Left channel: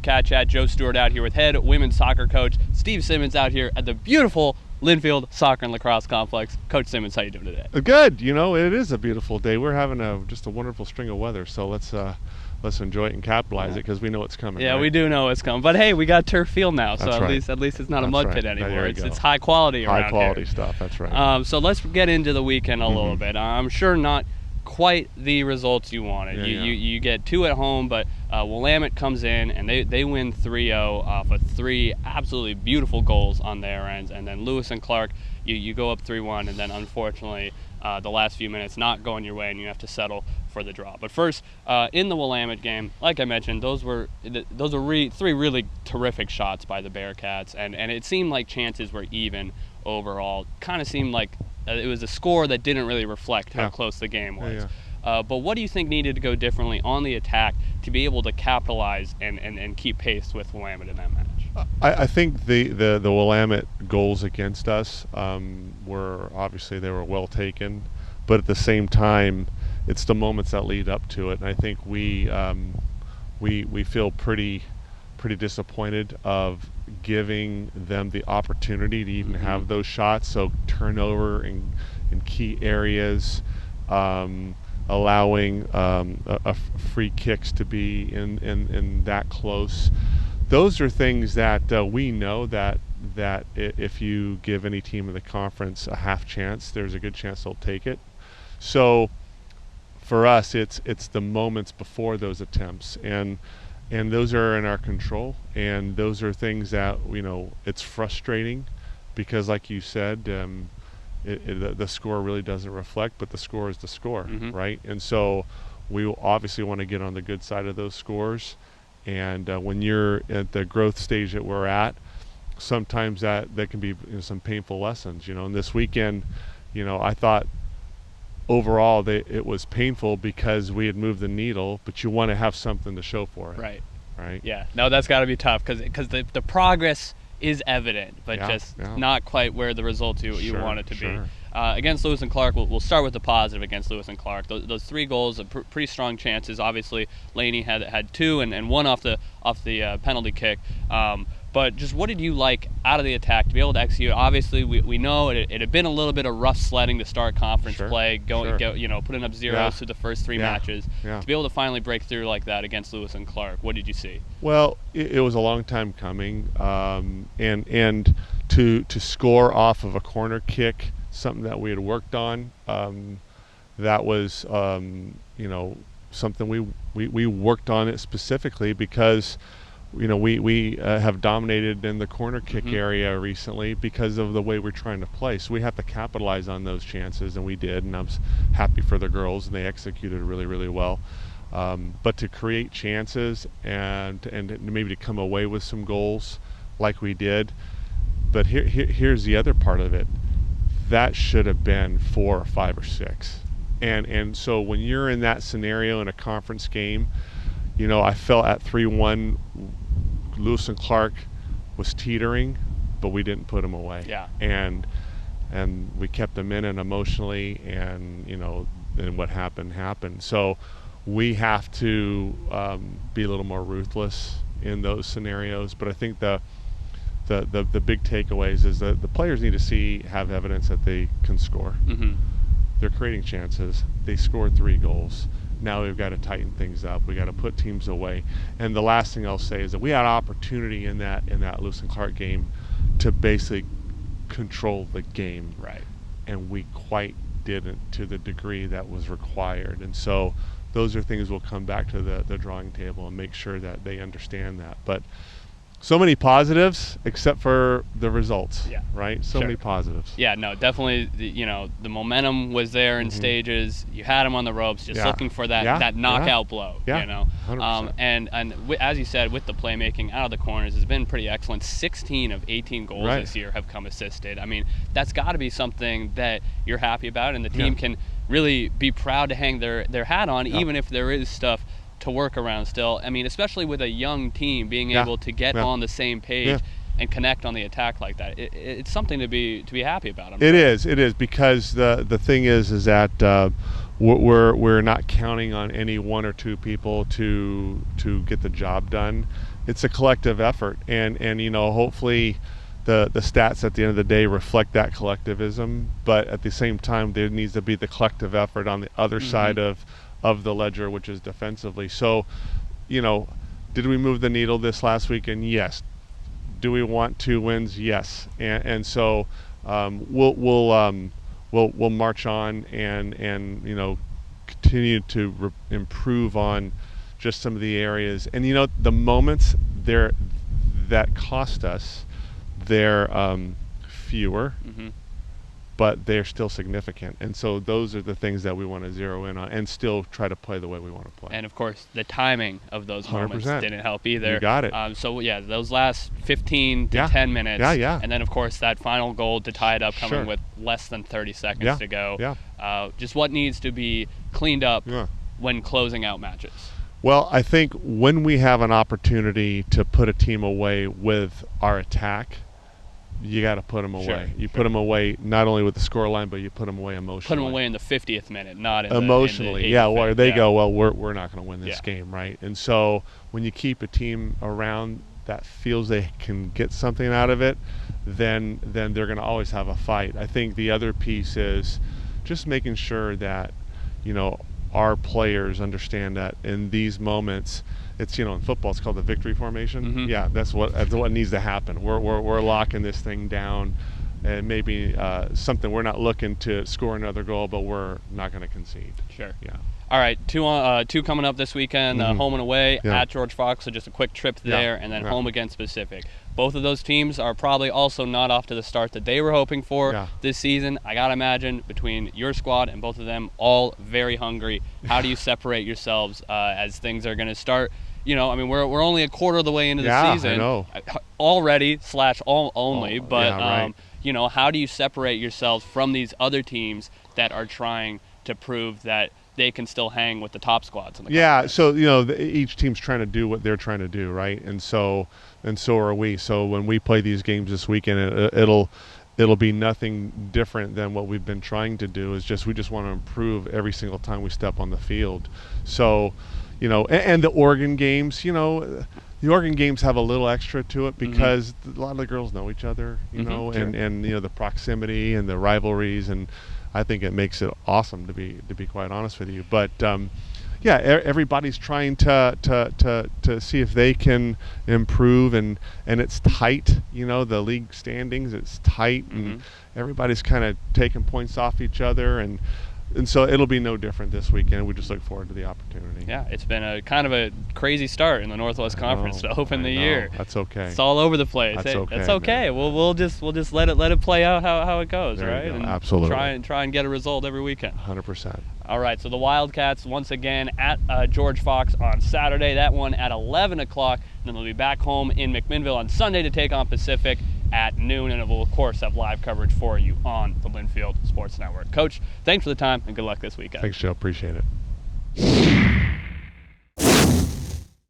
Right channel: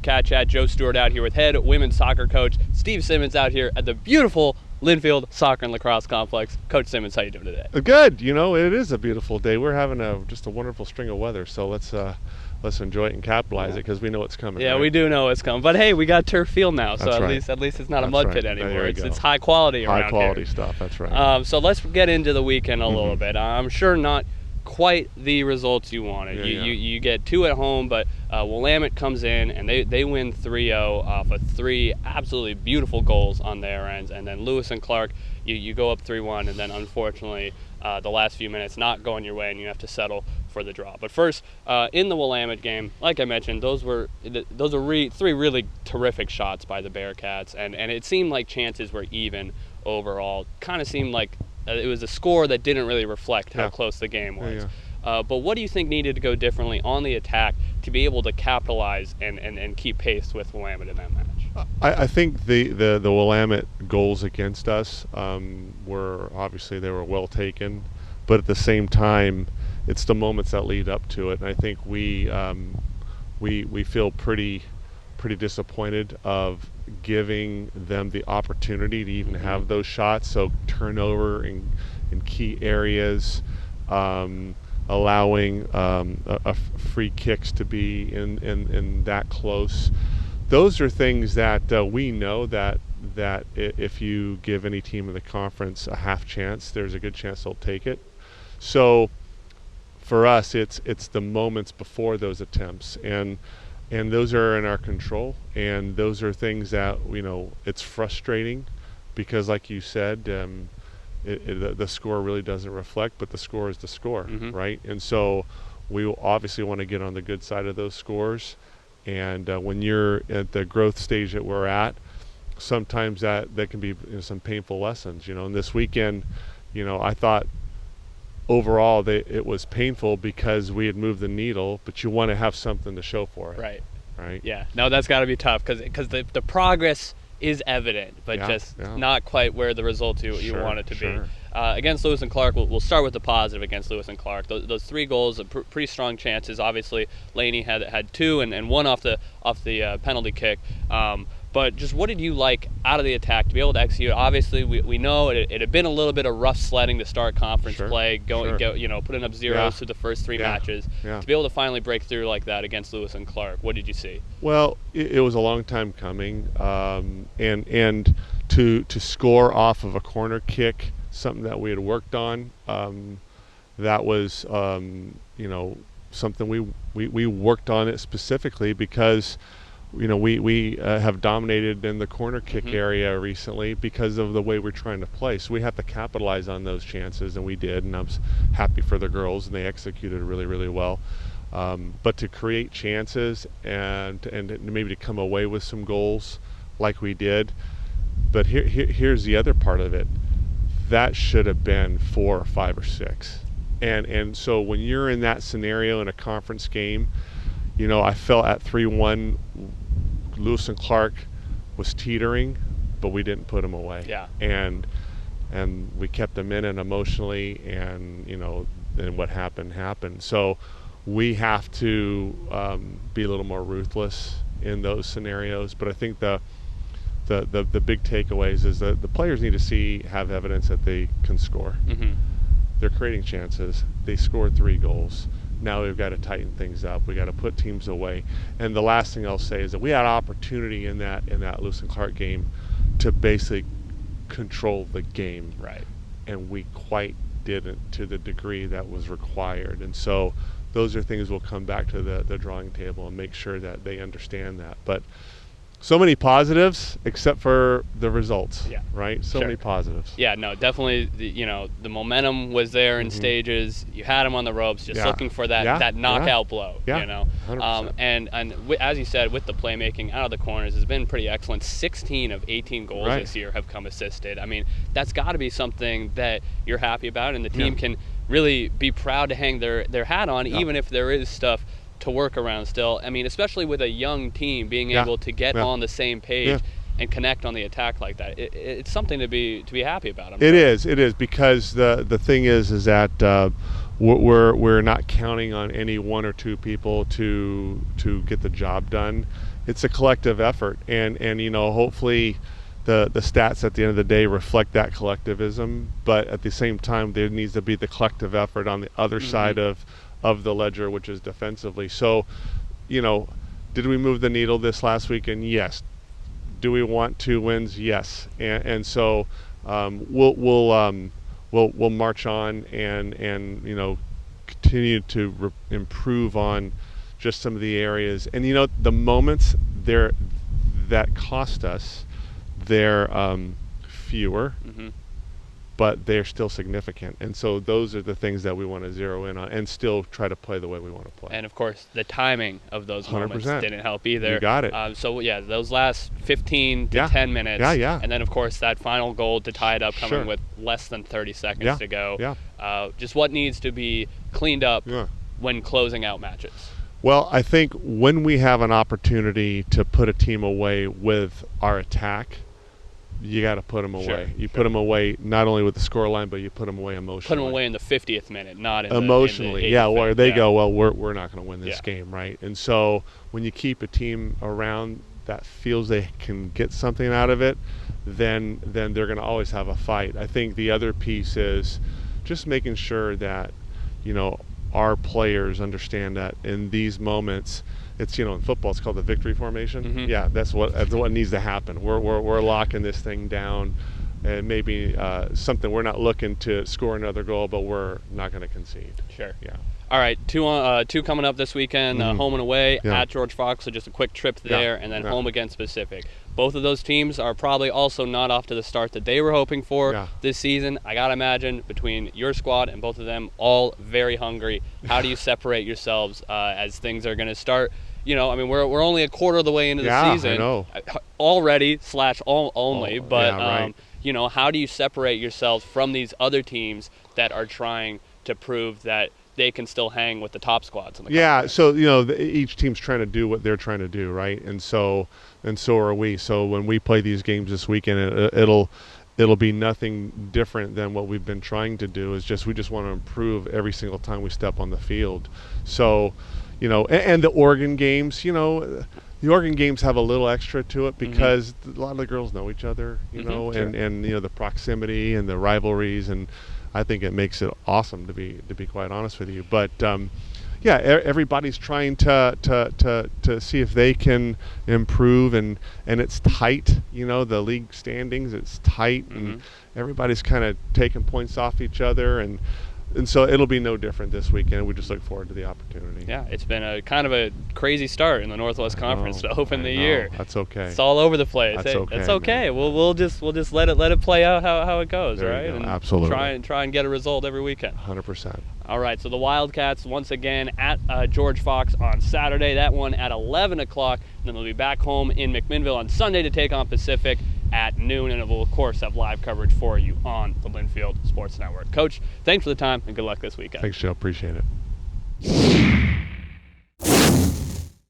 CatChat. Joe Stewart out here with head women's soccer coach Steve Simmons out here at the beautiful Linfield Soccer and Lacrosse Complex. Coach Simmons, how you doing today? Good. You know, it is a beautiful day. We're having just a wonderful string of weather, so let's enjoy it and capitalize it because we know it's coming, yeah, right? We do know it's coming. But hey, we got turf field now. That's so right. At least it's not That's a mud right. pit anymore. There you go. It's high quality. High quality stuff. That's right. So let's get into the weekend a little bit. I'm sure not quite the results you wanted. You get 2 at home, but Willamette comes in and they win 3-0, but 3 absolutely beautiful goals on their ends, and then Lewis and Clark, you go up 3-1, and then unfortunately the last few minutes not going your way, and you have to settle for the draw. But first, in the Willamette game, like I mentioned, those are 3 really terrific shots by the Bearcats, and it seemed like chances were even overall. Kind of seemed like it was a score that didn't really reflect how close the game was. But what do you think needed to go differently on the attack to be able to capitalize and keep pace with Willamette? I think the Willamette goals against us were obviously they were well taken, but at the same time, it's the moments that lead up to it, and I think we feel pretty disappointed of giving them the opportunity to even have those shots. So turnover in key areas, allowing free kicks to be in that close. Those are things that we know that if you give any team in the conference a half chance, there's a good chance they'll take it. So for us, it's the moments before those attempts, and those are in our control, and those are things that it's frustrating because, like you said, the score really doesn't reflect, but the score is the score, right? And so we obviously want to get on the good side of those scores. And when you're at the growth stage that we're at, sometimes that can be some painful lessons. And this weekend, I thought overall it was painful because we had moved the needle, but you want to have something to show for it. Right? Yeah. No, that's got to be tough because the progress is evident, but just not quite where the result you want it to be. Against Lewis and Clark, we'll start with the positive against Lewis and Clark. Those 3 goals are pretty strong chances. Obviously, Laney had 2 and 1 off the penalty kick. But just what did you like out of the attack to be able to execute? Obviously, we know it had been a little bit of rough sledding to start conference play, putting up 0 to the first 3 matches. To be able to finally break through like that against Lewis and Clark, what did you see? Well, it was a long time coming, and to score off of a corner kick, something that we had worked on, that was something we worked on it specifically because we have dominated in the corner kick area recently because of the way we're trying to play. So we have to capitalize on those chances, and we did, and I was happy for the girls, and they executed really, really well. But to create chances and maybe to come away with some goals like we did. But here's the other part of it. That should have been 4 or 5 or 6. And so when you're in that scenario in a conference game, I felt at 3-1, Lewis and Clark was teetering, but we didn't put them away. And we kept them in and emotionally, and then what happened. So we have to be a little more ruthless in those scenarios. But I think the big takeaways is that the players need to have evidence that they can score. They're creating chances. They scored 3 goals. Now we've got to tighten things up. We got to put teams away. And the last thing I'll say is that we had opportunity in that Lewis and Clark game to basically control the game, and we quite didn't to the degree that was required. And so those are things we'll come back to the drawing table and make sure that they understand that. But so many positives except for the results, right? So many positives. Yeah, no, definitely, the momentum was there in stages. You had them on the ropes, just looking for that knockout blow. 100%. And as you said, with the playmaking out of the corners, it's been pretty excellent. 16 of 18 goals this year have come assisted. I mean, that's got to be something that you're happy about, and the team can really be proud to hang their hat on, even if there is stuff to work around still. I mean, especially with a young team being able to get on the same page and connect on the attack like that. It's something to be happy about. It is because the thing is that we're not counting on any 1 or 2 people to get the job done. it's a collective effort, and hopefully the stats at the end of the day reflect that collectivism, but at the same time there needs to be the collective effort on the other side of the ledger, which is defensively. So did we move the needle this last weekend? Yes. Do we want 2 wins? Yes. And so we'll march on and continue to improve on just some of the areas. And the moments there that cost us, they're fewer, but they're still significant. And so those are the things that we want to zero in on and still try to play the way we want to play. And of course, the timing of those 100% didn't help either. You got it. So those last 15, 10 minutes. Yeah. And then of course that final goal to tie it up with less than 30 seconds to go. Yeah. Just what needs to be cleaned up when closing out matches. Well, I think when we have an opportunity to put a team away with our attack, you got to put them away. Sure. You put them away not only with the scoreline, but you put them away emotionally. Put them away in the 50th minute, not emotionally. Yeah, where they go, well, we're not going to win this game, right? And so when you keep a team around that feels they can get something out of it, then they're going to always have a fight. I think the other piece is just making sure that our players understand that in these moments, it's in football it's called the victory formation. Yeah, that's what needs to happen. We're locking this thing down, and maybe something we're not looking to score another goal, but we're not going to concede. Sure. Yeah. All right, two coming up this weekend, home and away at George Fox. So just a quick trip there, and then home against Pacific. Both of those teams are probably also not off to the start that they were hoping for this season. I gotta imagine between your squad and both of them, all very hungry. How do you separate yourselves as things are going to start? We're only a quarter of the way into the season. I know. Already / only. But, right. How do you separate yourselves from these other teams that are trying to prove that they can still hang with the top squads? Yeah, so each team's trying to do what they're trying to do, right? And so are we. So when we play these games this weekend, it'll be nothing different than what we've been trying to do. Is just we just want to improve every single time we step on the field. So, and the Oregon games, the Oregon games have a little extra to it because a lot of the girls know each other, and the proximity and the rivalries, and I think it makes it awesome to be quite honest with you. But everybody's trying to see if they can improve, and it's tight. The league standings, it's tight, and everybody's kind of taking points off each other, and so it'll be no different this weekend. We just look forward to the opportunity. Yeah, it's been a kind of a crazy start in the Northwest Conference to open the year. That's okay. It's all over the place. That's okay, it's okay, man. We'll just let it play out how it goes. There right? you go. Absolutely. Try and get a result every weekend. 100%. All right, so the Wildcats once again at George Fox on Saturday. That one at 11 o'clock. Then we'll be back home in McMinnville on Sunday to take on Pacific at noon, and it will of course have live coverage for you on the Linfield Sports Network. Coach, thanks for the time and good luck this weekend. Thanks, Joe. Appreciate it.